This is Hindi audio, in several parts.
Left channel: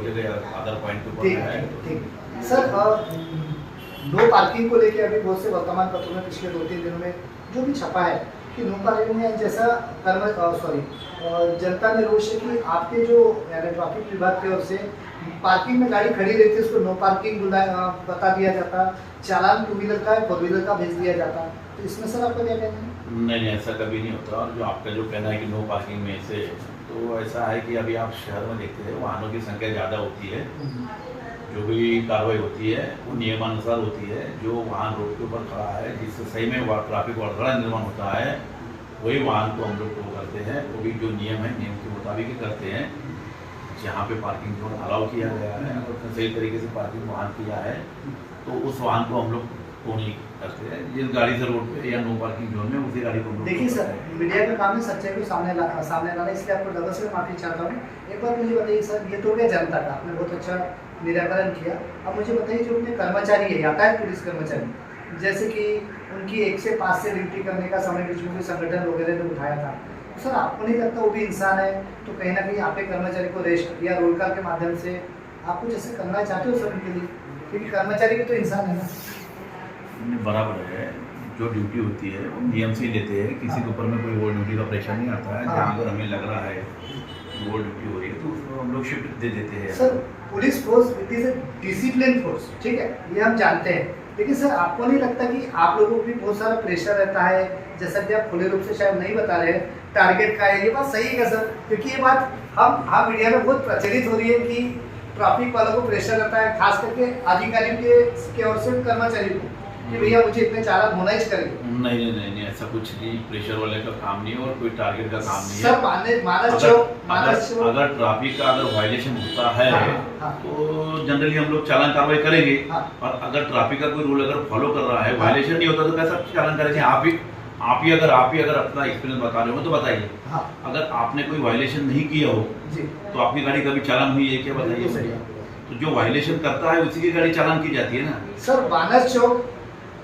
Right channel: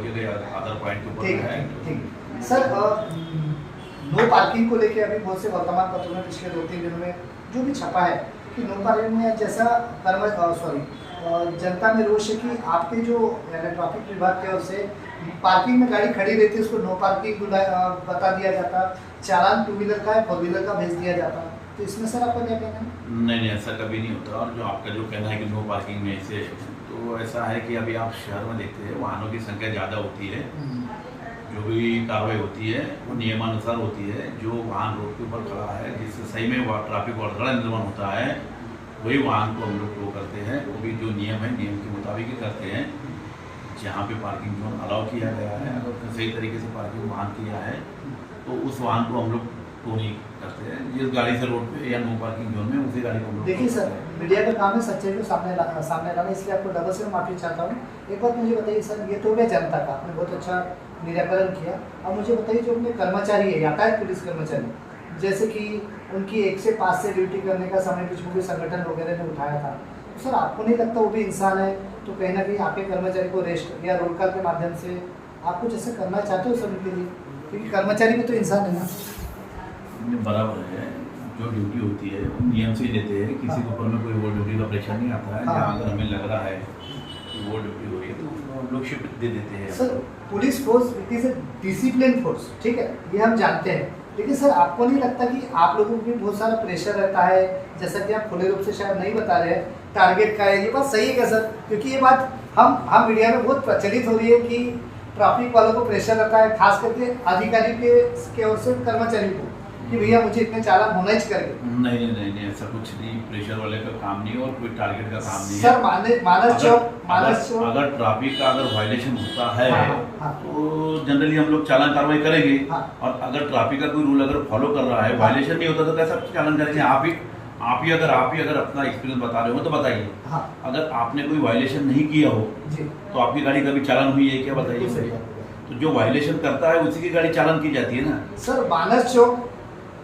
छोड़ के कहीं अदर पॉइंट के ऊपर ठीक में है, आए। ठीक है। सर नो पार्किंग को लेके अभी बहुत से वर्तमान पत्रों में पिछले 2-3 दिनों में जो भी छपा है कि नो पार्किंग में जैसा जनता में रोष है कि आपके जो यानी ट्रैफिक विभाग की ओर से पार्किंग में गाड़ी खड़ी रहती है उसको नो पार्किंग बता दिया जाता, चालान 2 व्हीलर का है 4 व्हीलर का भेज दिया जाता। तो इसमें सर आपका क्या कहना है? नहीं, ऐसा कभी नहीं होता। और जो आपका जो कहना है कि नो पार्किंग में से, तो ऐसा है कि अभी आप शहर में देखते हैं वाहनों की संख्या ज़्यादा होती है, जो भी कार्रवाई होती है वो नियमानुसार होती है। जो वाहन रोड के ऊपर खड़ा है जिससे सही में ट्रैफिक अड़थड़ा निर्माण होता है वही वाहन को हम लोग टो करते हैं। वो भी जो नियम है नियम के मुताबिक ही करते हैं। जहाँ पे पार्किंग जोन अलाउ किया गया है अगर उसने सही तरीके से पार्किंग वाहन किया है तो उस वाहन को हम लोग टो नहीं करते हैं। जिस गाड़ी से रोड पे या नो पार्किंग जोन में उसी गाड़ी को हम लोग देखिए सर, मीडिया का काम है सच्चाई को सामने लाना, इसलिए आपको दादा से मैं माफी चाहता हूँ। एक बात मुझे बताइए सर, ये तो क्या जनता का आपने बहुत अच्छा निराकरण किया। अब मुझे बताइए जो अपने कर्मचारी है यातायात पुलिस कर्मचारी, जैसे कि उनकी 1 से 5 से ड्यूटी करने का समय बीच में कोई संगठन वगैरह ने उठाया था, तो सर आपको नहीं लगता वो भी इंसान है, तो कहीं ना कहीं आपके कर्मचारी को रेस्ट या रोल कॉल के माध्यम से आप कुछ ऐसा करना चाहते हो सर उनके लिए, क्योंकि कर्मचारी भी तो इंसान है ना। बराबर है, जो ड्यूटी होती है वो नियम से ही लेते हैं। किसी के ऊपर में कोई वो ड्यूटी का प्रेशर नहीं आता है। जहाँ अगर हमें लग रहा है कि वो ड्यूटी हो रही है तो उसको हम लोग शिफ्ट दे देते हैं। Sir police force it is a discipline force, ठीक है, ये हम जानते हैं, लेकिन सर आपको नहीं लगता कि आप लोगों को भी बहुत सारा प्रेशर रहता है, जैसा कि आप खुले रूप से शायद नहीं बता रहे हैं, टारगेट का है, ये बात सही है क्या सर? क्योंकि ये बात हम मीडिया में बहुत प्रचलित हो रही है कि ट्रैफिक वालों को प्रेशर रहता है, खास करके अधिकारियों के ओर से कर्मचारियों को, कि भैया मुझे इतने चालान होना ही चाहिए। नहीं, ऐसा कुछ नहीं। प्रेशर वाले का काम नहीं है और कोई टारगेट का काम नहीं है सर अगर ट्रैफिक का अगर वायलेशन होता है हाँ। तो जनरली हम लोग चालान कार्रवाई करेंगे। हाँ। और अगर ट्रैफिक का कोई रूल अगर फॉलो कर रहा है, वायलेशन नहीं होता तो कैसा चालान करेंगे? आप ही अगर अपना एक्सपीरियंस बता रहे हो तो बताइए। हाँ। अगर आपने कोई वायलेशन नहीं किया हो जी, तो आपकी गाड़ी कभी चालान हुई है क्या? बताइए। तो जो वायलेशन करता है उसी की गाड़ी चालान की जाती है ना। सर मानस चौक,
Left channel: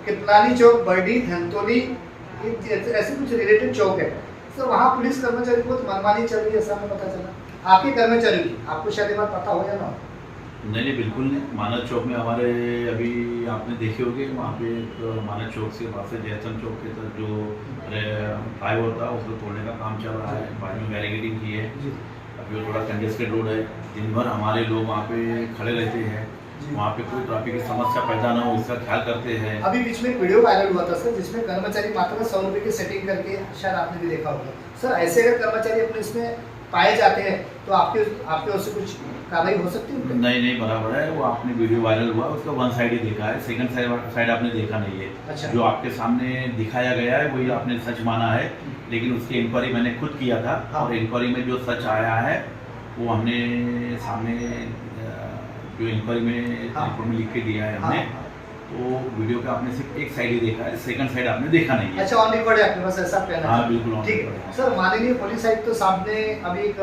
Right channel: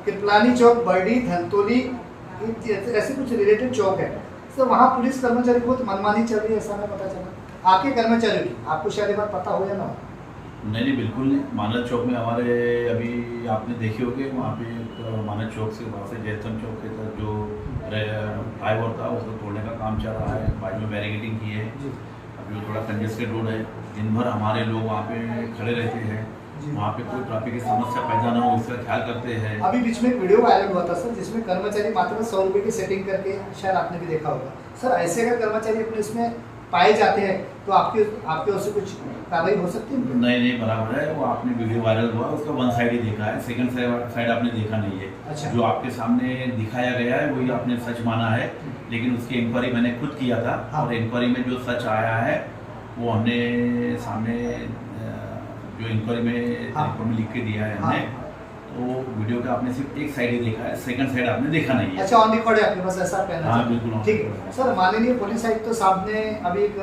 कृपलानी चौक, बर्डी, धनतोली, ऐसे कुछ रिलेटेड चौक है सर, वहाँ पुलिस कर्मचारी को तो मनमानी चल रही है, ऐसा हमें पता चला। आपके कर्मचारी की आपको शायद ये बात पता हो या ना? नहीं, बिल्कुल नहीं। मानस चौक में हमारे अभी आपने देखे होंगे वहाँ पे एक मानस चौक से वहाँ से जयस्तंभ चौक के तक जो फ्लाईओवर था उसको तोड़ने का काम चल रहा है। बाजू में बैरिकेडिंग की है। अभी थोड़ा कंजेस्टेड रोड है, दिन भर हमारे लोग वहाँ पे खड़े रहते हैं। वहाँ पे कोई ट्रैफिक की समस्या पैदा ना हो इसका ख्याल करते हैं। अभी बीच में एक वीडियो वायरल हुआ था सर, जिसमें कर्मचारी मात्र 100 रुपए की सेटिंग करके, शायद आपने भी देखा होगा सर, ऐसे अगर कर्मचारी अपने इसमें पाए जाते हैं तो आपके ओर से कुछ कार्रवाई हो सकती है? नहीं, बराबर है। वो आपने वीडियो वायरल हुआ उसका वन साइड ही देखा है, सेकंड साइड आपने देखा नहीं है। अच्छा। जो आपके सामने दिखाया गया है वही आपने सच माना है, लेकिन उसकी इंक्वायरी मैंने खुद किया था। हाँ। और इंक्वायरी में जो सच आया है वो हमने सामने जो इंक्वायरी में रिपोर्ट में लिख के दिया है हमने। तो वीडियो का आपने सिर्फ एक साइड ही देखा है, सेकंड साइड आपने देखा नहीं है। अच्छा, ऑन रिकॉर्ड है आपके पास, ऐसा आप कहना? हाँ, बिल्कुल। ठीक है सर, माननीय पुलिस आयुक्त तो सामने अभी एक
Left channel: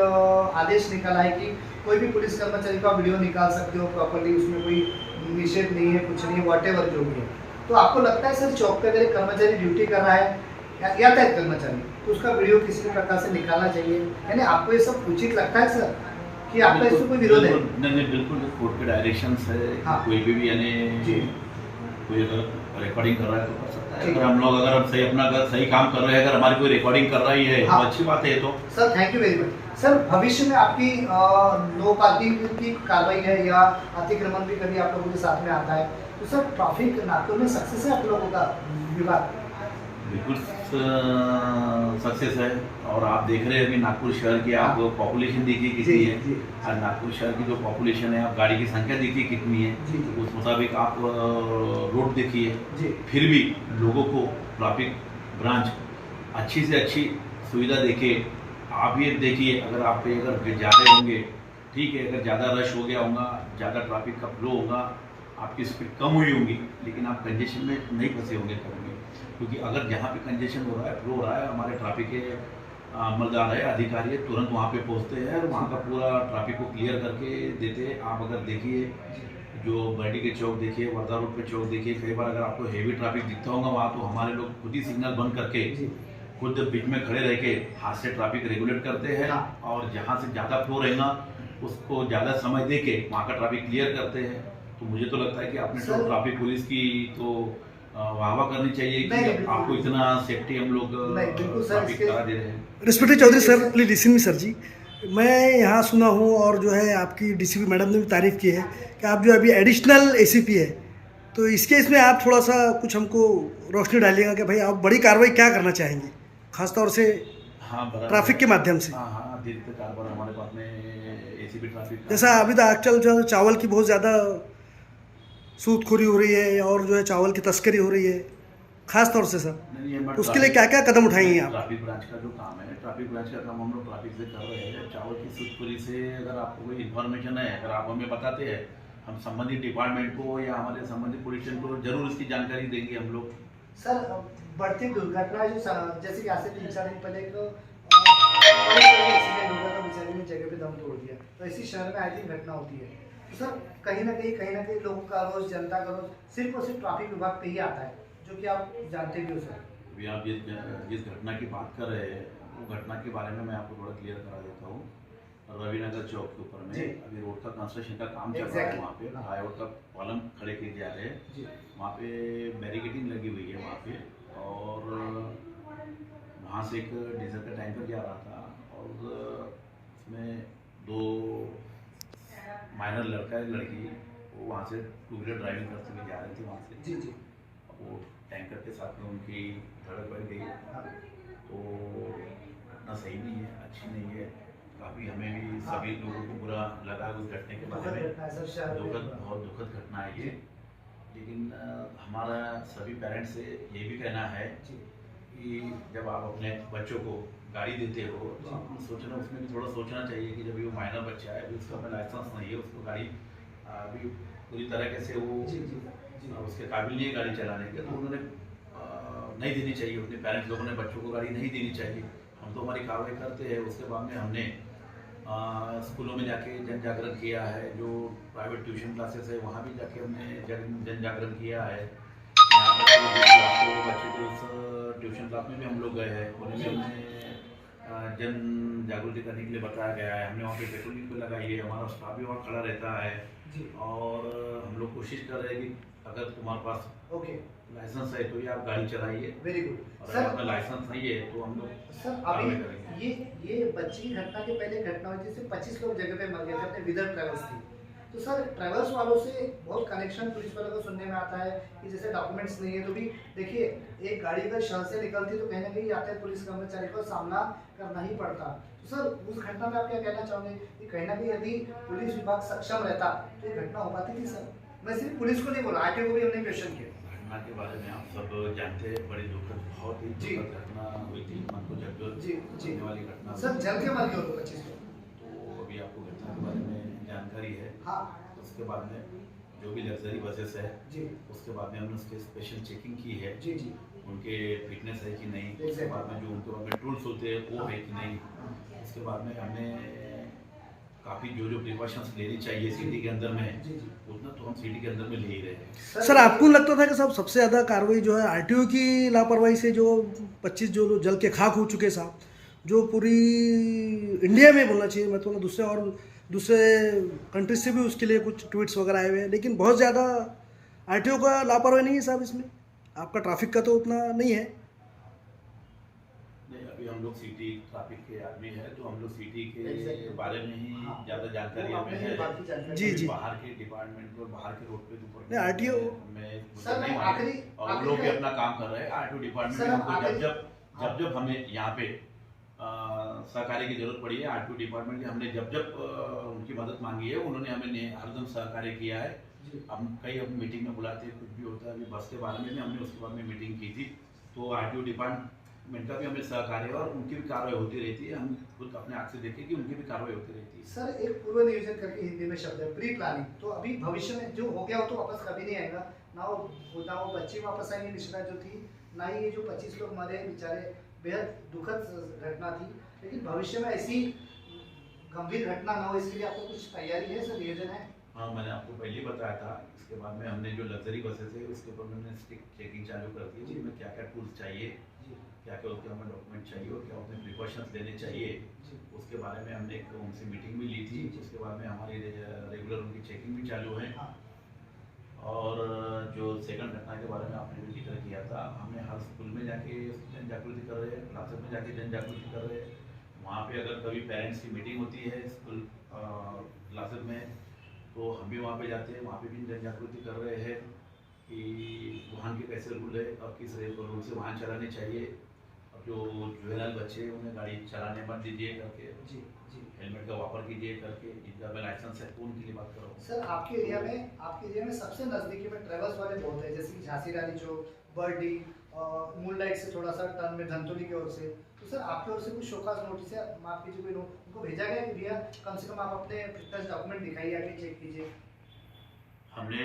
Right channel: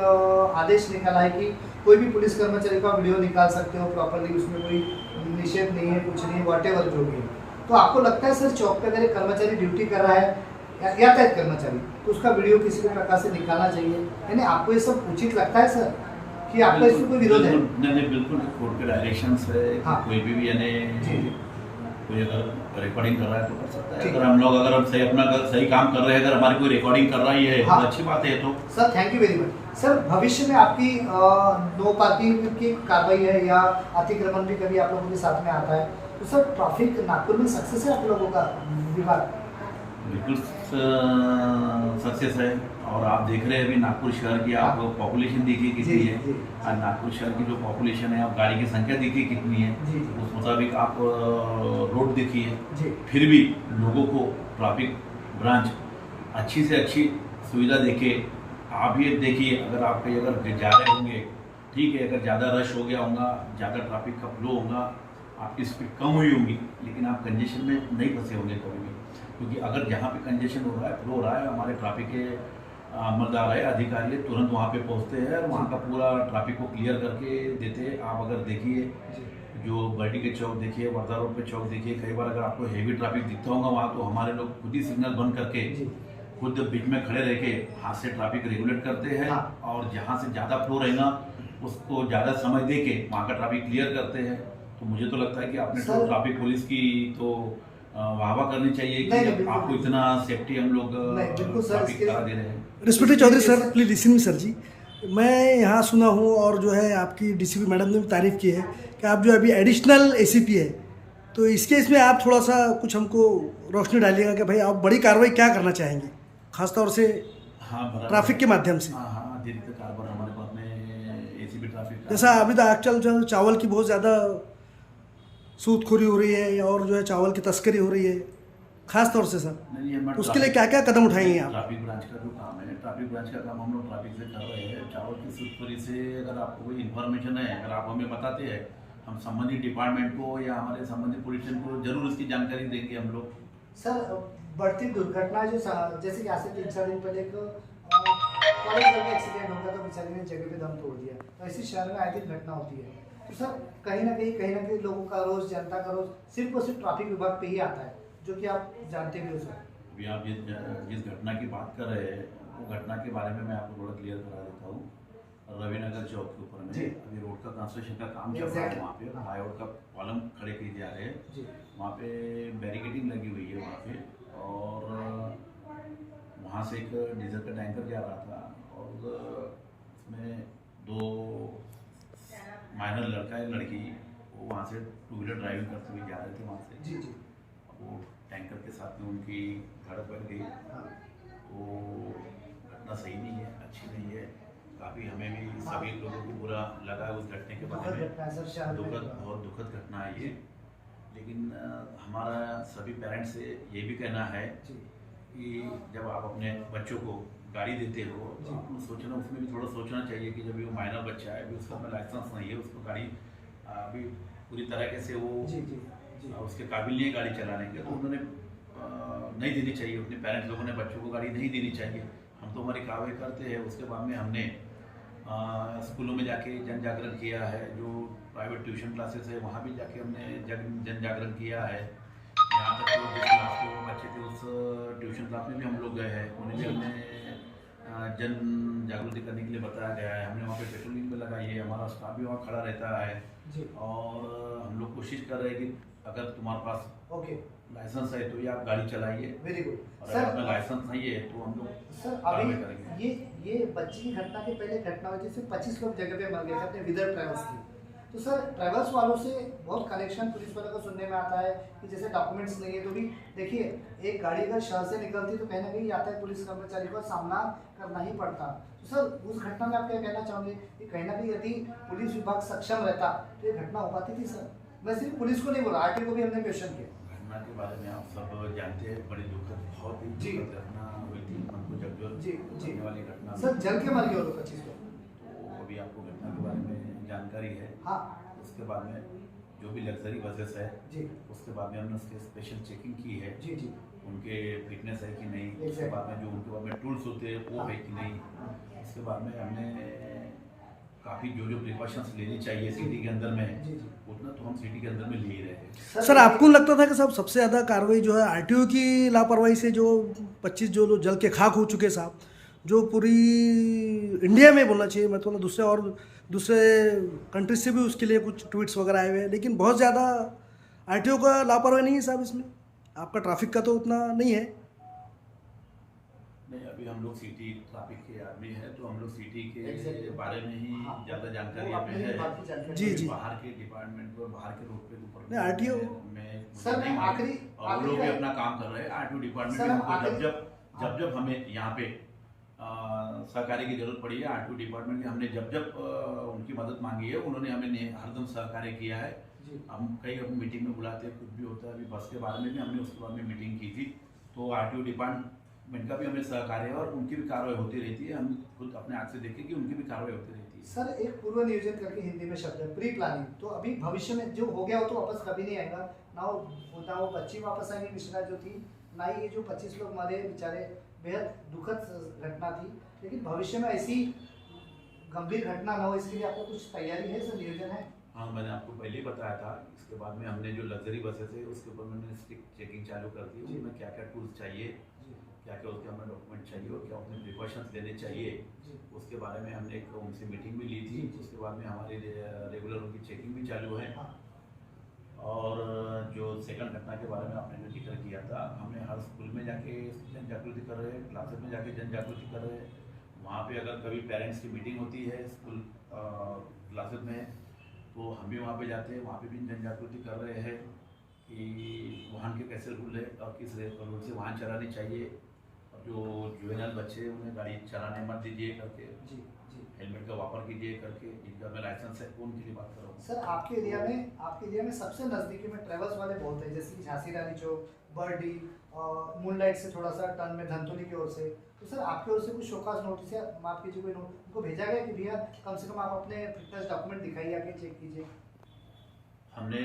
आदेश निकाला है कि कोई भी पुलिस कर्मचारी का वीडियो निकाल सकते हो प्रॉपर्ली, उसमें कोई निषेध नहीं है, कुछ नहीं है, व्हाटएवर जो भी है। तो आपको लगता है सर चौक पे अगर एक कर्मचारी ड्यूटी कर रहा है यातायात कर्मचारी, तो उसका वीडियो किसी भी प्रकार से निकालना चाहिए? यानी आपको ये सब उचित लगता है सर कि आपका इससे कोई विरोध है? नहीं, बिल्कुल कोर्ट के डायरेक्शंस है। हाँ। कोई भी यानी कोई अगर रिकॉर्डिंग कर रहा है तो कर सकता है। अगर हम सही अपना सही काम कर रहे हैं, अगर हमारी कोई रिकॉर्डिंग कर रही है हाँ। तो अच्छी बात है। तो sir thank you very much. Sir भविष्य में आपकी नो पार्किंग की कार्रवाई है या अतिक्रमण भी कभी आप लोगों के साथ में आता है, तो सर ट्रैफिक नागपुर में सक्सेस है आप लोगों का विभाग? बिल्कुल सक्सेस है। और आप देख रहे हैं अभी नागपुर शहर की आप पॉपुलेशन देखिए कितनी है। और नागपुर शहर की जो पॉपुलेशन है, आप गाड़ी की संख्या देखिए कितनी है, उस मुताबिक आप रोड देखिए। फिर भी लोगों को ट्रैफिक ब्रांच अच्छी से अच्छी सुविधा देके आप ये देखिए। अगर आप कहीं अगर जा रहे होंगे, ठीक है, अगर ज़्यादा रश हो गया होगा, ज़्यादा ट्रैफिक का फ्लो होगा, आपकी स्पीड कम हुई होगी, लेकिन आप कंजेशन में नहीं फंसे होंगे कभी भी। क्योंकि अगर जहाँ पे कंजेशन हो रहा है, फ्लो हो रहा है, हमारे ट्रैफिक के अमलदार है, अधिकारी है, तुरंत वहाँ पे पहुँचते हैं और वहाँ का पूरा ट्रैफिक को क्लियर करके देते हैं। आप अगर देखिए जो बर्डी के चौक देखिए, वर्धा रोड पे चौक देखिए, कई बार अगर आपको हेवी ट्रैफिक दिखता होगा वहाँ, तो हमारे लोग खुद ही सिग्नल बंद करके खुद बीच में खड़े रह के हाथ से ट्रैफिक रेगुलेट करते हैं। और जहाँ से ज़्यादा फ्लो रहेगा उसको ज़्यादा समय दे के वहाँ का ट्रैफिक क्लियर करते हैं। तो मुझे तो लगता है कि आपने तो सर- ट्रैफिक पुलिस की तो वाहवा करनी चाहिए नहीं, कि बिल्कुल। आपको इतना सेफ्टी हम लोग नहीं, बिल्कुल सर, ट्रैफिक इसके- करा दे रहे हैं। Respected Chaudhary sir, please listen me sir ji. मैं यहाँ सुना हूँ और जो है आपकी डीसीपी मैडम ने भी तारीफ़ की है कि आप जो अभी एडिशनल एसीपी है, तो इसके इसमें आप थोड़ा सा कुछ हमको रोशनी डालिएगा कि भाई आप बड़ी कार्रवाई क्या करना चाहेंगे खासतौर से हाँ, बराबर। ट्रैफिक के माध्यम से। हाँ हाँ, अतिरिक्त कारोबार हमारे पास में एसीपी ट्रैफिक का जैसा अभी तो आजकल जो चावल की बहुत ज़्यादा सूदखोरी हो रही है और जो है चावल की तस्करी हो रही है खास तौर से सर, नहीं, हमारे तो उसके लिए क्या क्या कदम उठाएंगे आप? ट्रैफिक ब्रांच का जो काम है, ट्रैफिक ब्रांच का काम हम लोग ट्रैफिक से कर रहे हैं। चावल की सूदखोरी से अगर आपको कोई इन्फॉर्मेशन है, अगर आप हमें बताते हैं, हम संबंधित डिपार्टमेंट को या हमारे संबंधित पुलिस स्टेशन को जरूर इसकी जानकारी देंगे हम लोग। सर बढ़ती दुर्घटना जो जैसे कि आज से 3-4 दिन पहले एक एक्सीडेंट होगा तो बेचारे ने जगह पे दम तोड़ दिया, तो ऐसी शहर में आए दिन घटना होती है। तो सर कहीं ना कहीं लोगों का रोज, जनता का रोज सिर्फ और सिर्फ ट्रैफिक विभाग पे ही आता है, जो कि आप जानते भी हो सर। अभी आप जिस घटना की बात कर रहे हैं, वो घटना के बारे में मैं आपको थोड़ा क्लियर करा देता हूँ। रविनगर चौक के ऊपर में अभी रोड का कंस्ट्रक्शन का काम चल रहा है। वहाँ पे हाईवे का कॉलम खड़े किए जा रहे हैं। वहाँ पे बैरिकेडिंग लगी हुई है वहाँ पे, और वहाँ से एक डीजल का टैंकर जा रहा था और उसमें 2 माइनर लड़का है लड़की, वो वहाँ से 2 व्हीलर ड्राइविंग करते हुए जा रहे थे वहाँ से। जी जी। वो टैंकर के साथ में उनकी धड़क बढ़ गई। तो घटना सही नहीं है, अच्छी नहीं है। काफ़ी हमें भी सभी लोगों को बुरा लगा उस घटने के बारे में। बहुत दुखद घटना है ये। लेकिन हमारा सभी पेरेंट्स से ये भी कहना है कि जब आप अपने बच्चों को गाड़ी देते हो तो आपको सोचना, उसमें भी थोड़ा सोचना चाहिए कि जब ये वो माइनर बच्चा है, अभी उसका लाइसेंस नहीं है, उसको गाड़ी अभी पूरी तरीके से वो उसके काबिल नहीं है गाड़ी चलाने के, तो उन्होंने नहीं देनी चाहिए। अपने पेरेंट्स लोगों ने बच्चों को गाड़ी नहीं देनी चाहिए। हम तो हमारी कार्रवाई करते हैं। उसके बाद में हमने स्कूलों में जाके जन जागरण किया है। जो प्राइवेट ट्यूशन क्लासेस है वहाँ भी जाके हमने जन जागरण किया है। यहाँ तक तो जिस क्लास के वो बच्चे थे उस ट्यूशन क्लास में भी हम लोग गए हैं, उन्हें भी हमने जन जागृति करने के लिए बताया गया है। हमने वहाँ पे पेट्रोलिंग भी लगाई है, हमारा स्टाफ भी वहाँ खड़ा रहता है। और हम लोग कोशिश कर रहे हैं कि अगर तुम्हारे पास लाइसेंस है तो ये आप गाड़ी चलाइए। Very good. और अगर लाइसेंस नहीं है तो हम लोग सर अभी ये बच्ची की घटना के पहले घटना हुई थी, 25 लोग जगह पे मर गए थे अपने विदर्भ ट्रेवल्स की। तो सर ट्रेवल्स वालों से बहुत कनेक्शन पुलिस वालों को सुनने में आता है कि जैसे डॉक्यूमेंट्स नहीं है, तो भी देखिए एक गाड़ी अगर शहर से निकलती तो कहीं ना कहीं यातायात पुलिस कर्मचारी को सामना करना ही पड़ता। तो सर उस घटना में आप क्या कहना चाहोगे कि कहीं ना कहीं यदि पुलिस विभाग सक्षम रहता तो ये घटना हो पाती थी? सर मैं सिर्फ पुलिस को नहीं बोला, आरटीओ को भी हमने क्वेश्चन किया। घटना के बारे में आप सब जानते हैं, बड़ी दुखद, बहुत ही दुखद घटना हुई थी। मन को जगने वाली घटना सर जल के मर गए 25 लोग। तो अभी आपको घटना के बारे में जानकारी है। हाँ। उसके बाद में जो भी लग्जरी बसेस है उसके बाद में हमने उसके स्पेशल चेकिंग की है। उनके फिटनेस है कि नहीं, उसके बाद में जो उनके बाद में टूल्स होते हैं वो है कि नहीं। उसके बाद में हमने काफ़ी जो प्रिकॉशंस लेनी चाहिए सिटी के अंदर में, उतना तो हम सिटी के अंदर में ले ही रहे हैं। सर आपको लगता था कि साहब सबसे ज़्यादा कार्रवाई जो है आरटीओ की लापरवाही से जो 25 जो लोग जल के खाक हो चुके साहब, जो पूरी इंडिया में बोलना चाहिए, मैं तो दूसरे कंट्री से भी उसके लिए कुछ ट्वीट्स वगैरह आए हुए हैं, लेकिन बहुत ज़्यादा आरटीओ का लापरवाही नहीं है साहब इसमें? आपका ट्रैफिक का तो उतना नहीं है। नहीं, अभी हम लोग सिटी ट्रैफिक के आदमी हैं तो हम लोग सिटी के बारे में ही ज़्यादा जानकारी हमें है। जी। बाहर के डिपार्टमेंट पर, बाहर के रोड पे नहीं, RTO में सर नहीं मालूम। आखिरी और वो लोग भी अपना काम कर रहे हैं। आरटीओ डिपार्टमेंट में हमको जब हमें यहाँ पे सहकार्य की जरूरत पड़ी है, आरटीओ डिपार्टमेंट के हमने जब उनकी मदद मांगी है, उन्होंने हमें हरदम सहकार्य किया है। हम कई अब मीटिंग में बुलाते हैं, कुछ भी होता है। अभी बस के बारे में भी हमने उसके बाद में मीटिंग की थी, तो आरटीओ डिपार्टमेंट का भी हमें सहकार्य और उनकी भी कार्रवाई होती रहती है। हम खुद अपने आँख से देखें कि उनकी भी कार्रवाई होती रहती है। सर एक पूर्व नियोजन करके हिंदी में शब्द है, प्री प्लानिंग। तो अभी भविष्य में जो हो गया हो तो वापस कभी नहीं आएगा, ना वो बच्ची वापस आएंगी मिश्रा जो थी, ना ही ये जो 25 लोग मरे बेचारे, बेहद दुखद घटना थी। लेकिन भविष्य में ऐसी गंभीर घटना ना हो इसके लिए आपको कुछ तैयारी है, सर नियोजन है? हाँ, मैंने आपको पहले ही बताया था। इसके बाद में हमने जो लग्जरी बसेस है उसके ऊपर मैंने स्ट्रिक्ट चेकिंग चालू कर दी है, उसमें क्या क्या टूल्स चाहिए, क्या क्या उसके हमें डॉक्यूमेंट चाहिए और क्या अपने प्रिकॉशंस लेने चाहिए, जी उसके बारे में हमने एक उनसे मीटिंग भी ली थी। जी। उसके बाद में हमारी रेगुलर उनकी चेकिंग भी चालू है। हाँ और जो सेकंड घटना के बारे में आपने जो जिक्र किया था, हमने हर स्कूल में जाके जन जागृति कर रहे हैं, क्लासेस में जाके जन जागृति कर रहे हैं। वहाँ पे अगर कभी पेरेंट्स की मीटिंग होती है स्कूल क्लासेस में, तो हम भी वहाँ पे जाते हैं, वहाँ पे भी जन जागृति कर रहे हैं कि वाहन के कैसे रूल है और किस रूल से वाहन चलाने चाहिए, और जो जुवेनाइल बच्चे हैं उन्हें गाड़ी चलाने मत दीजिए करके, जी जी। हेलमेट का वापर कीजिए करके, जिनका में लाइसेंस है तो उनके लिए बात कर रहा हूँ। सर आपके एरिया में सबसे नज़दीकी में ट्रेवल्स वाले बहुत है, जैसे कि झांसी रानी चौक, बर्डी, मूनलाइट से थोड़ा सा टर्न में धनतुली की ओर से। तो सर आपकी ओर से कुछ शोकाज नोटिस या माफ कीजिए कोई नोट उनको भेजा गया कि भैया कम से कम आप अपने फिटनेस डॉक्यूमेंट दिखाइए, आके चेक कीजिए? हमने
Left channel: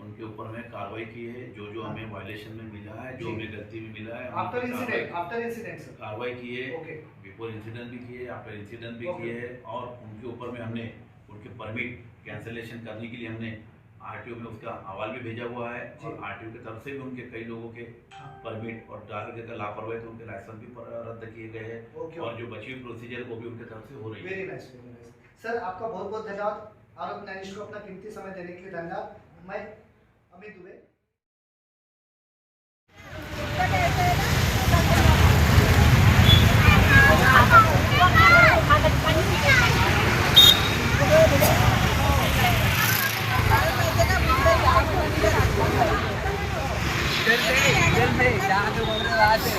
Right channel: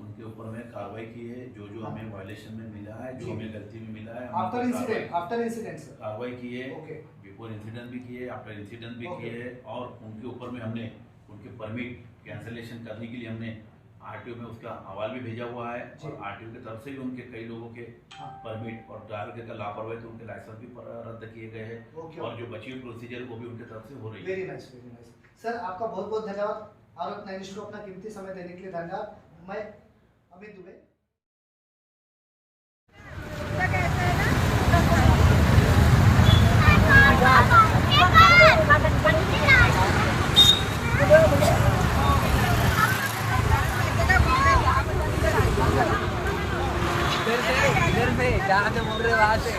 उनके ऊपर में कार्रवाई की है, जो जो हमें वायलेशन में मिला है, जो जी। हमें गलती में मिला है, हमने आफ्टर कार्रवाई- इंसिडेंट सर। कार्रवाई की है। ओके बिफोर इंसिडेंट भी किए, आफ्टर इंसिडेंट भी ओके। किए है, और उनके ऊपर में हमने उनके परमिट कैंसलेशन करने के लिए हमने आरटीओ में उसका हवाल भी भेजा हुआ है। जी। और आरटीओ की तरफ से भी उनके कई लोगों के हाँ परमिट और ड्राइवर का लापरवाही तो उनके लाइसेंस भी रद्द किए गए हैं, ओके। और जो बची हुई प्रोसीजर वो भी उनके तरफ से हो रही है। Very nice very nice. Sir आपका बहुत बहुत धन्यवाद, आरोप न्यायाधीश को अपना कीमती समय देने के लिए धन्यवाद। मैं अमित दुबे। जल्दी जल्दी जहाँ से मुड़ रहे वहाँ से